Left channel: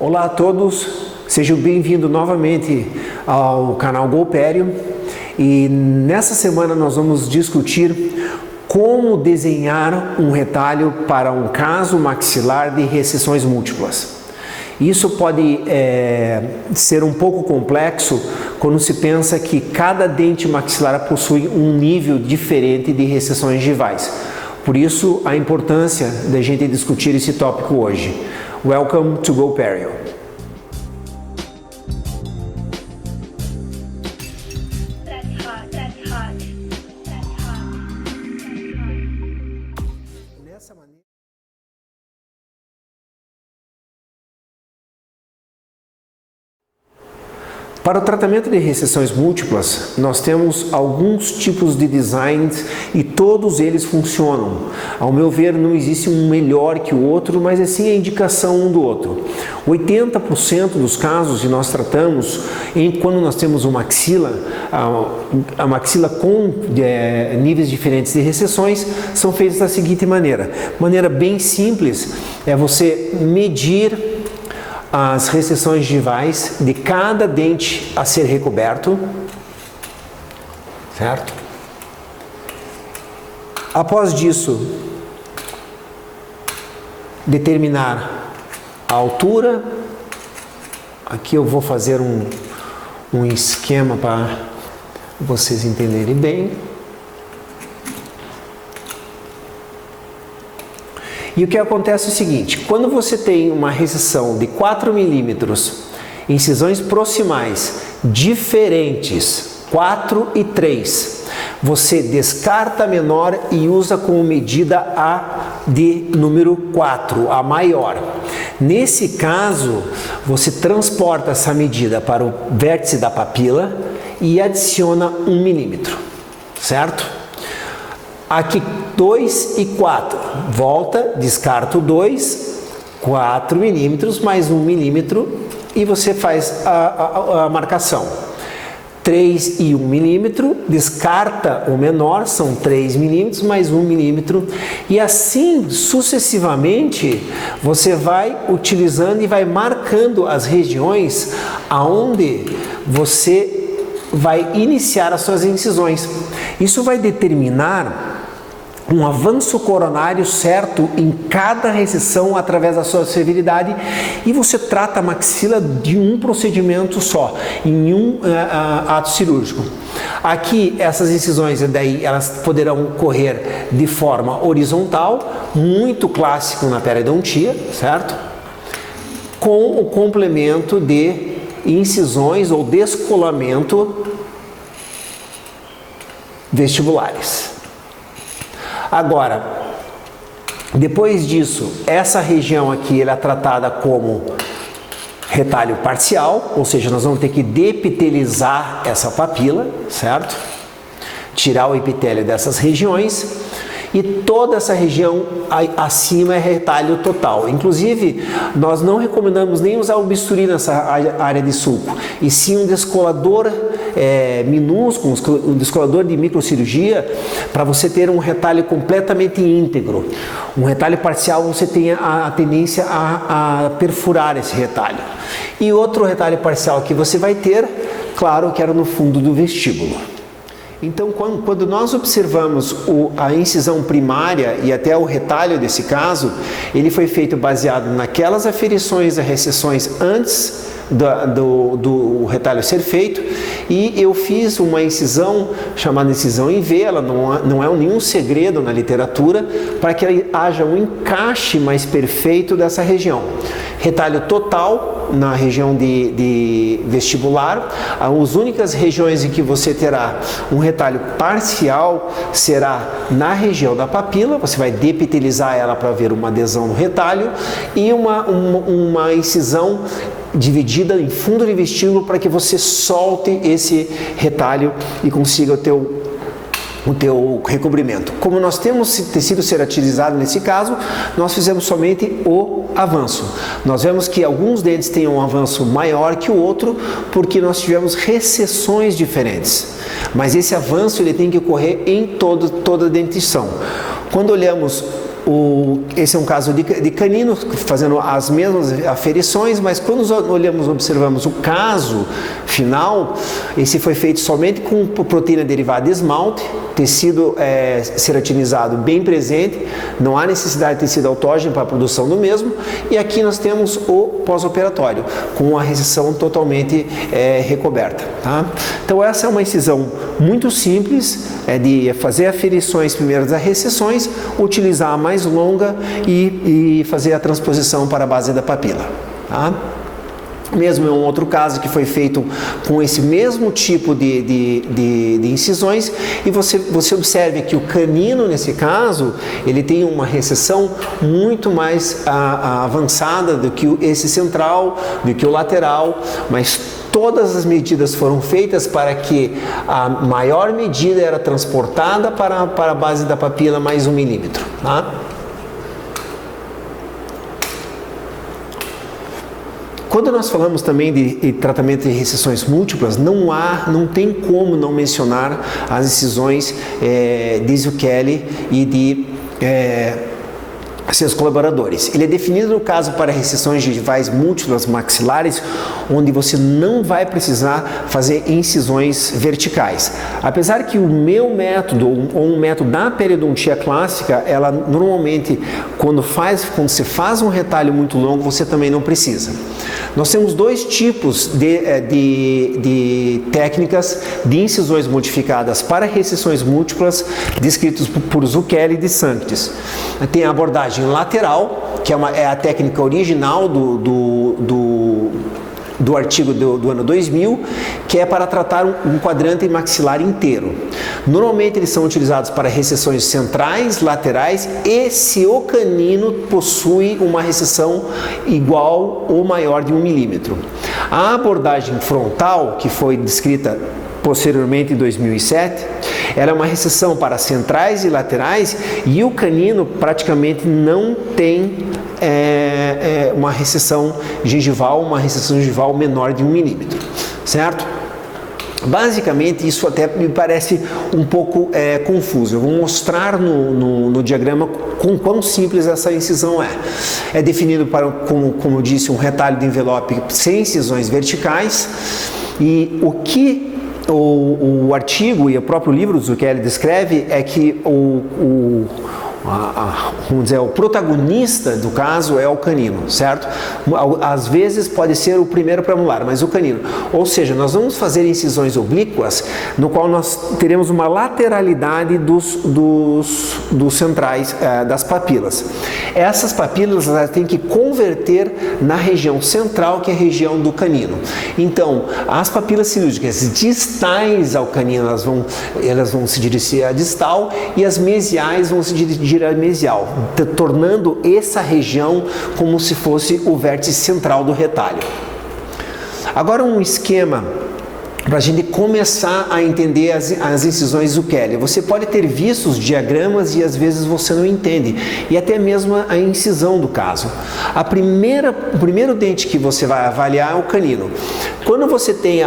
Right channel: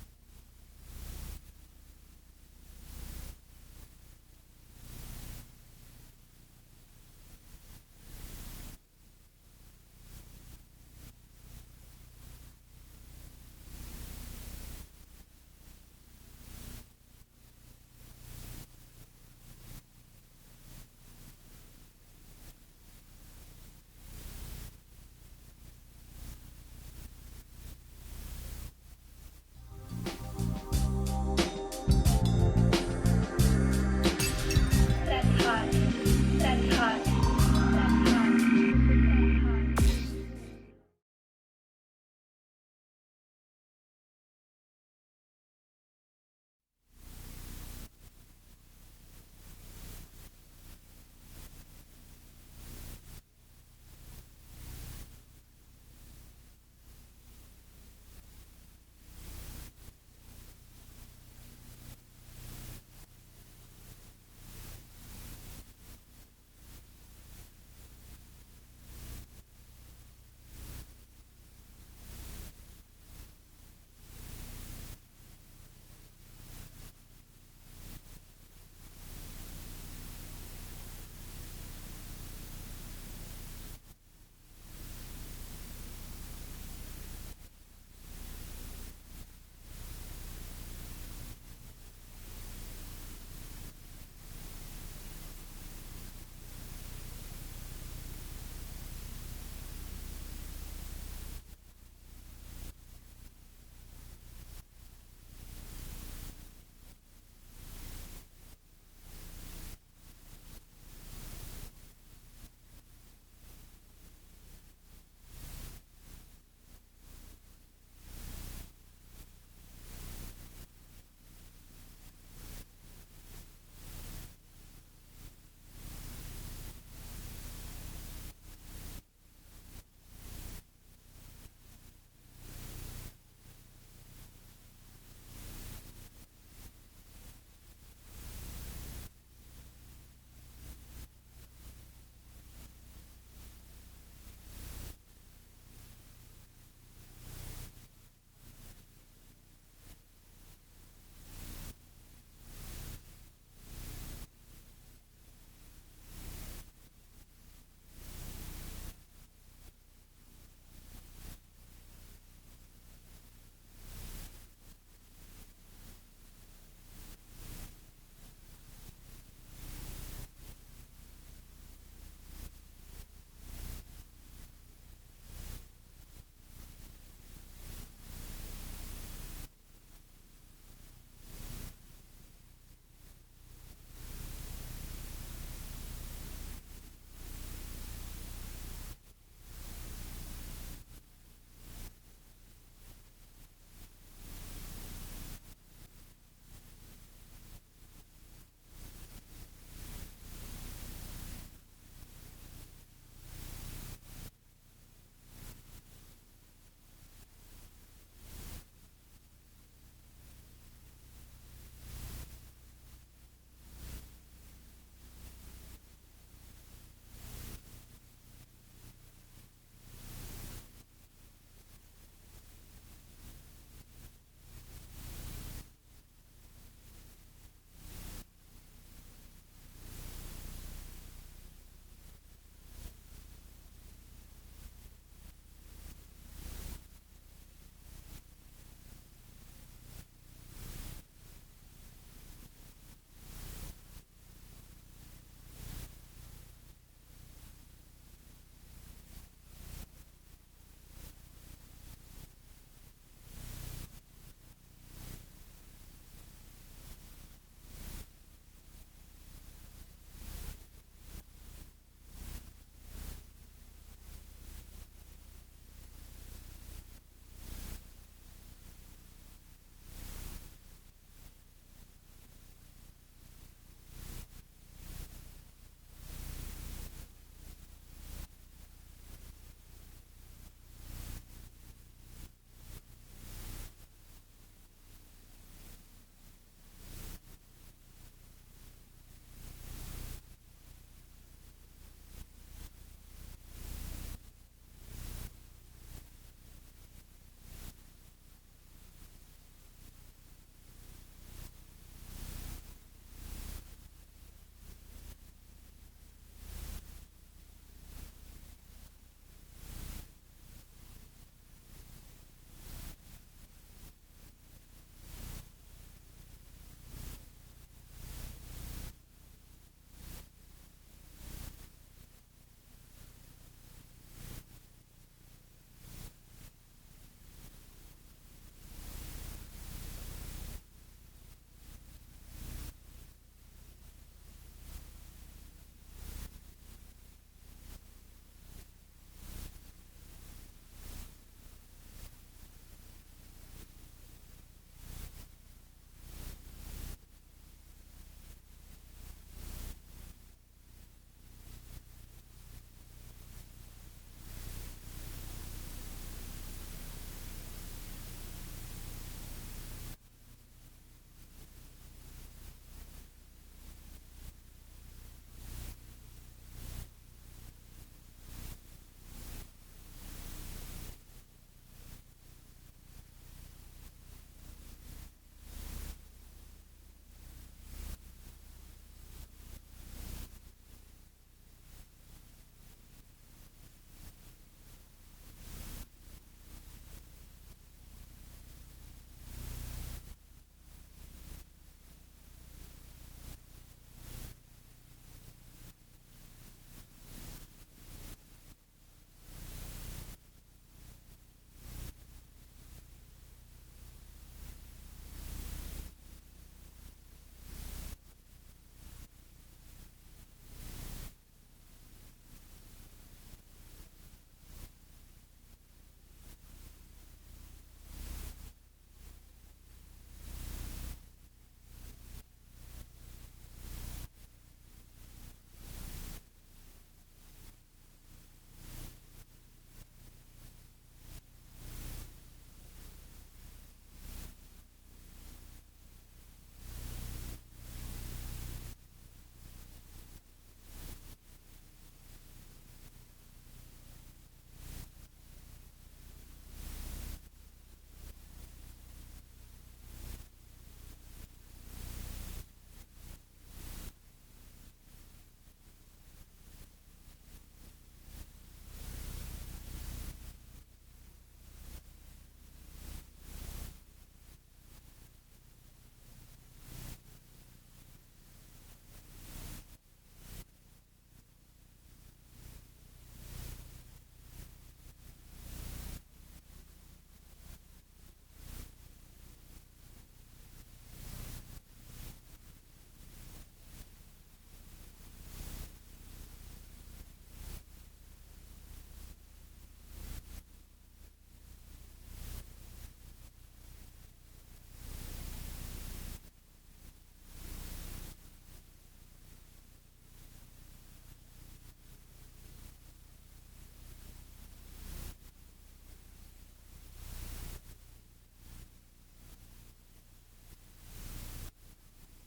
Olá a todos, sejam bem-vindos novamente ao canal Golpério e nessa semana nós vamos discutir como desenhar um retalho para um caso maxilar de recessões múltiplas. Isso pode ser um pouco complexo quando se pensa que cada dente maxilar possui um nível diferente de recessões gengivais. Por isso, a importância da gente discutir esse tópico hoje. Welcome to Golpério. Para o tratamento de recessões múltiplas, nós temos alguns tipos de designs e todos eles funcionam. Ao meu ver, não existe um melhor que o outro, mas sim a indicação um do outro. 80% dos casos que nós tratamos, quando nós temos uma maxila, a maxila com níveis diferentes de recessões, são feitos da seguinte maneira. Maneira bem simples é você medir as recessões gengivais de cada dente a ser recoberto, certo? Após disso, determinar a altura. Aqui eu vou fazer um esquema para vocês entenderem bem. E o que acontece é o seguinte, quando você tem uma recessão de 4 milímetros, incisões proximais diferentes, 4 e 3, você descarta a menor e usa como medida a de número 4, a maior. Nesse caso, você transporta essa medida para o vértice da papila e adiciona 1 milímetro, certo? Aqui 2 e 4, volta, descarta o 2, 4 milímetros mais 1 milímetro e você faz a marcação. 3 e 1 milímetro, descarta o menor, são 3 milímetros mais 1 milímetro e assim sucessivamente você vai utilizando e vai marcando as regiões aonde você vai iniciar as suas incisões. Isso vai determinar um avanço coronário certo em cada recessão através da sua severidade e você trata a maxila de um procedimento só, em um ato cirúrgico. Aqui essas incisões daí elas poderão correr de forma horizontal, muito clássico na periodontia, certo? Com o complemento de incisões ou descolamento vestibulares. Agora, depois disso, essa região aqui ela é tratada como retalho parcial, ou seja, nós vamos ter que depitelizar essa papila, certo? Tirar o epitélio dessas regiões e toda essa região acima é retalho total. Inclusive, nós não recomendamos nem usar o bisturi nessa área de sulco, e sim um descolador minúsculo, um descolador de microcirurgia, para você ter um retalho completamente íntegro. Um retalho parcial você tem a tendência a perfurar esse retalho. E outro retalho parcial que você vai ter, claro, que era no fundo do vestíbulo. Então, quando nós observamos a incisão primária e até o retalho desse caso, ele foi feito baseado naquelas aferições a recessões antes do retalho ser feito, e eu fiz uma incisão chamada incisão em V, ela não é nenhum segredo na literatura, para que haja um encaixe mais perfeito dessa região. Retalho total na região de vestibular, as únicas regiões em que você terá um retalho parcial será na região da papila, você vai depitelizar ela para ver uma adesão no retalho, e uma incisão dividida em fundo de vestíbulo para que você solte esse retalho e consiga o teu recobrimento. Como nós temos tecido ceratilizado nesse caso, nós fizemos somente o avanço. Nós vemos que alguns dentes têm um avanço maior que o outro porque nós tivemos recessões diferentes. Mas esse avanço ele tem que ocorrer em toda a dentição. Quando olhamos esse é um caso de canino, fazendo as mesmas aferições, mas quando observamos o caso final, esse foi feito somente com proteína derivada de esmalte, tecido ceratinizado bem presente, não há necessidade de tecido autógeno para a produção do mesmo, e aqui nós temos o pós-operatório, com a reseção totalmente recoberta. Tá? Então essa é uma incisão muito simples, de fazer aferições primeiro das recessões, utilizar a mais longa e fazer a transposição para a base da papila. Tá? Mesmo em um outro caso que foi feito com esse mesmo tipo de incisões, e você observe que o canino, nesse caso, ele tem uma recessão muito mais avançada do que esse central, do que o lateral, mas todas as medidas foram feitas para que a maior medida era transportada para a base da papila mais 1 milímetro. Tá? Quando nós falamos também de tratamento de recessões múltiplas, não tem como não mencionar as incisões de Zucchelli e de seus colaboradores. Ele é definido no caso para recessões gengivais múltiplas maxilares, onde você não vai precisar fazer incisões verticais. Apesar que o meu método, ou um método da periodontia clássica, ela normalmente, quando se faz um retalho muito longo, você também não precisa. Nós temos dois tipos de técnicas de incisões modificadas para recessões múltiplas, descritos por Zucchelli e de Sanctis. Tem a abordagem lateral, que é a técnica original do artigo do ano 2000, que é para tratar um quadrante maxilar inteiro. Normalmente eles são utilizados para recessões centrais, laterais e se o canino possui uma recessão igual ou maior de 1 milímetro. A abordagem frontal, que foi descrita posteriormente em 2007, ela é uma recessão para centrais e laterais, e o canino praticamente não tem uma recessão gengival menor de 1 milímetro, certo? Basicamente, isso até me parece um pouco confuso. Eu vou mostrar no diagrama com quão simples essa incisão é. É definido como eu disse, um retalho de envelope sem incisões verticais, e o que o artigo e o próprio livro do Zucchelli descreve é que vamos dizer, o protagonista do caso é o canino, certo? Às vezes pode ser o primeiro premolar, mas o canino. Ou seja, nós vamos fazer incisões oblíquas, no qual nós teremos uma lateralidade dos centrais, das papilas. Essas papilas elas têm que converter na região central, que é a região do canino. Então, as papilas cirúrgicas distais ao canino, elas vão se dirigir à distal, e as mesiais vão se dirigir à mesial, tornando essa região como se fosse o vértice central do retalho. Agora um esquema para a gente começar a entender as incisões Zucchelli. Você pode ter visto os diagramas e às vezes você não entende, e até mesmo a incisão do caso. O primeiro dente que você vai avaliar é o canino. Quando você tem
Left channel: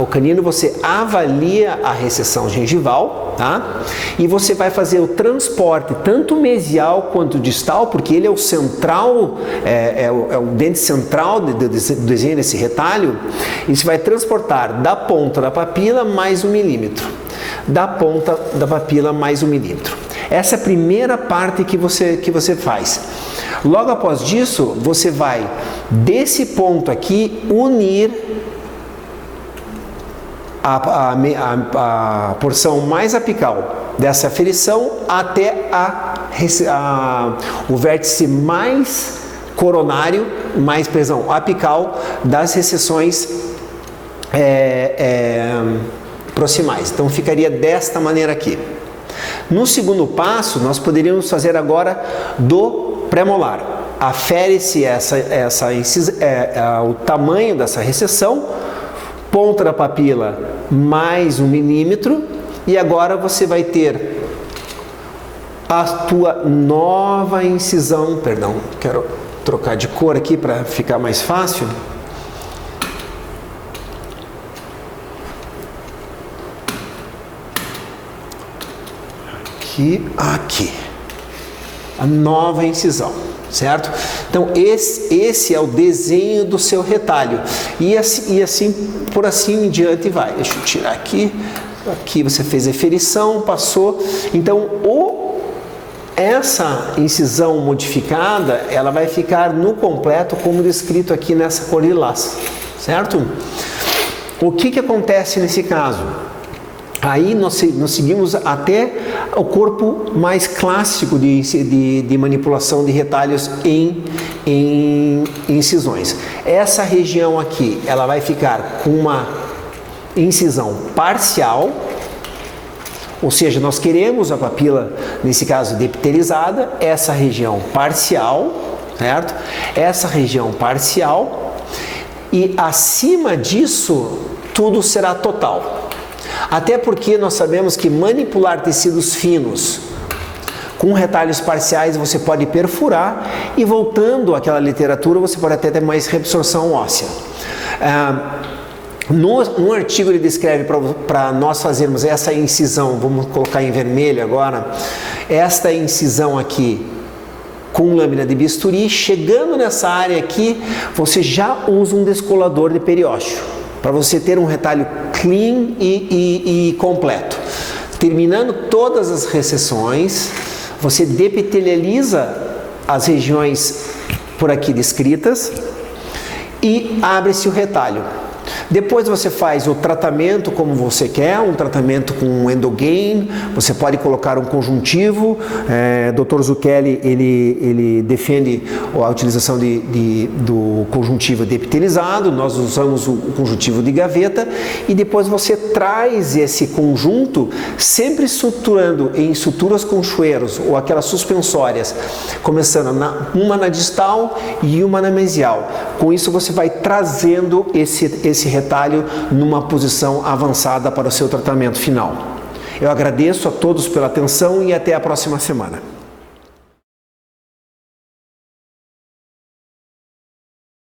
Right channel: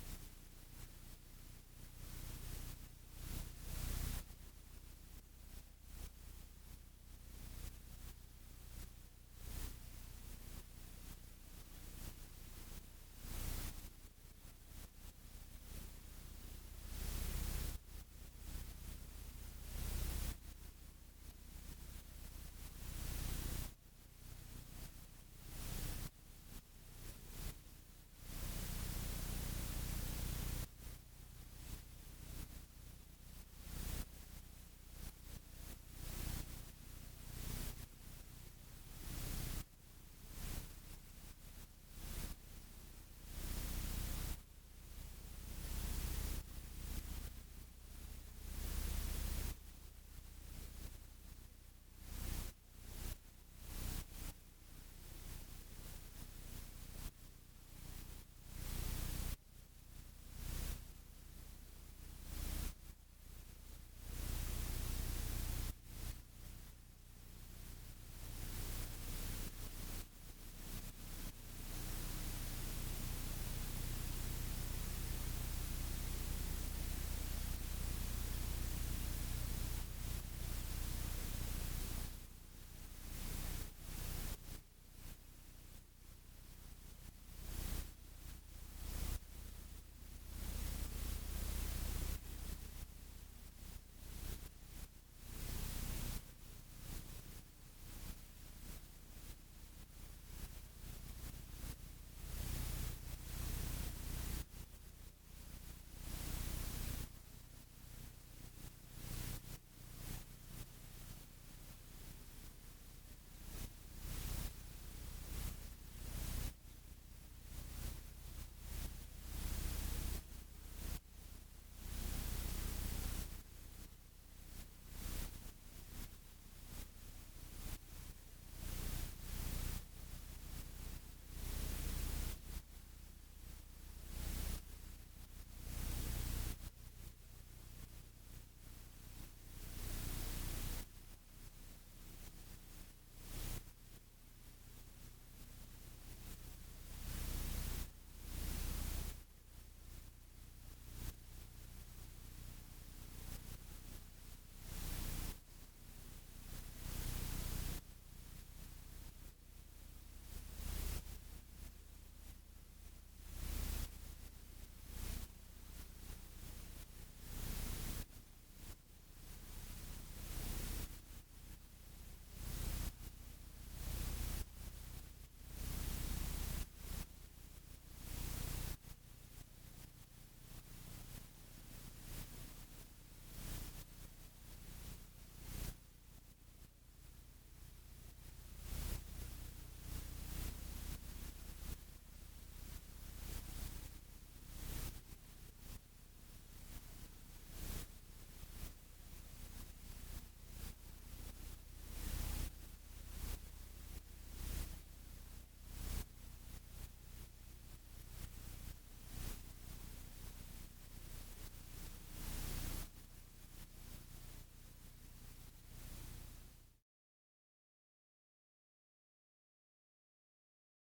o canino, você avalia a recessão gengival, tá? E você vai fazer o transporte tanto mesial quanto distal, porque ele é o central, é o dente central do desenho desse retalho, e você vai transportar da ponta da papila mais 1 milímetro, da ponta da papila mais 1 milímetro. Essa é a primeira parte que você faz. Logo após disso, você vai desse ponto aqui unir a porção mais apical dessa aferição até o vértice mais coronário, apical das recessões proximais. Então ficaria desta maneira aqui. No segundo passo, nós poderíamos fazer agora do premolar. Afere-se o tamanho dessa recessão, ponta da papila mais 1 milímetro, e agora você vai ter a tua nova incisão, quero trocar de cor aqui para ficar mais fácil. Aqui. a nova incisão, certo? Então esse é o desenho do seu retalho e assim por assim em diante vai. Deixa eu tirar aqui. Aqui você fez a eferição, passou. Então essa incisão modificada, ela vai ficar no completo como descrito aqui nessa cor lilás, certo? O que acontece nesse caso? Aí nós seguimos até o corpo mais clássico de manipulação de retalhos em incisões. Essa região aqui, ela vai ficar com uma incisão parcial, ou seja, nós queremos a papila, nesse caso, depitelizada, essa região parcial, certo? Essa região parcial, e acima disso, tudo será total. Até porque nós sabemos que manipular tecidos finos com retalhos parciais você pode perfurar e, voltando àquela literatura, você pode até ter mais reabsorção óssea. No artigo ele descreve para nós fazermos essa incisão, vamos colocar em vermelho agora, esta incisão aqui com lâmina de bisturi, chegando nessa área aqui, você já usa um descolador de periósteo, para você ter um retalho clean e completo. Terminando todas as recessões, você depitelializa as regiões por aqui descritas e abre-se o retalho. Depois você faz o tratamento como você quer, um tratamento com endogain, você pode colocar um conjuntivo, Dr. Zucchelli ele defende a utilização do conjuntivo depitelizado, nós usamos o conjuntivo de gaveta e depois você traz esse conjunto sempre estruturando em suturas conchoeiros ou aquelas suspensórias, começando uma na distal e uma na mesial. Com isso você vai trazendo esse retalho numa posição avançada para o seu tratamento final. Eu agradeço a todos pela atenção e até a próxima semana.